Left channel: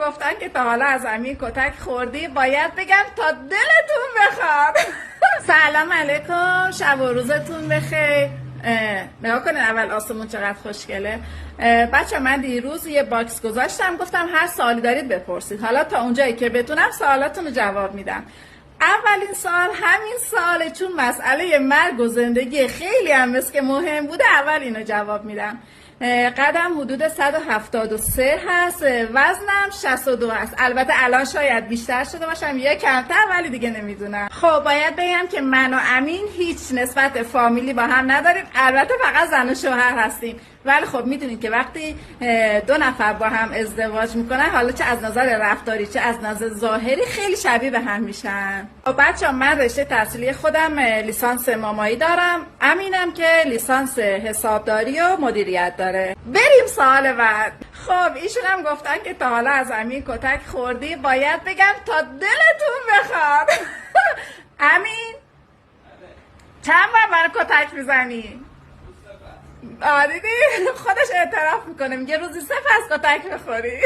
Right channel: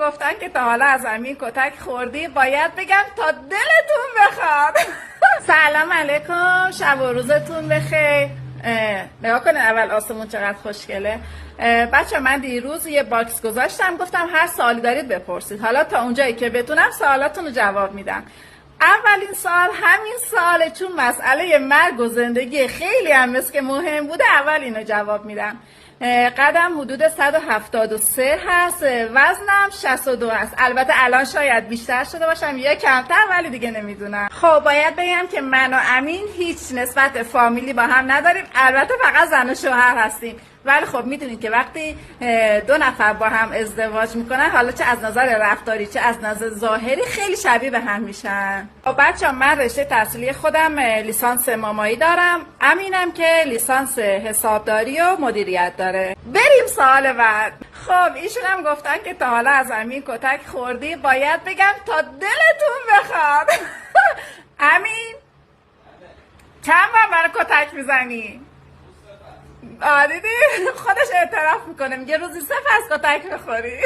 گفتن که تا حالا از امین کتک خوردی، باید بگم تا دلتون بخواد. سلام علیکم، شب و روزتون بخیر. نگاه کنین اول آسمون چقدر خوشگله. بچه من دیروز یه باکس گذاشتم، گفتم هر سوالی دارید بپرسید. حالا تا اونجایی که بتونم سوالاتون رو جواب میدم. اولین سوال همین سواله، چون مسئله مرگ و زندگی خیلی هم مثل که مهم بوده، اول اینو جواب میدم. قدم حدود 173 هست، وزنم 62 است. البته الان شاید بیشتر شده باشم یا کمتر، ولی دیگه نمیدونم. خب باید بگم که من و امین هیچ نسبت فامیلی با هم نداریم، البته فقط زن و شوهر هستیم. ولی خب میدونید که وقتی دو نفر با هم ازدواج میکنن، حالا چه از نظر رفتاری چه از نظر ظاهری خیلی شبیه به هم میشن. خب بچه‌ها من رشته تحصیلی خودم لیسانس مامایی دارم، امینم که لیسانس حسابداری و مدیریت داره. بریم سوال بعد. خب ایشون هم گفتن که تا حالا از امین کتک خوردی، باید بگم تا دلتون بخواد. امین چند بار منو کتک میزنی؟ دیدی خودش اعتراف میکنه، میگه روزی 3 کتک بخوری.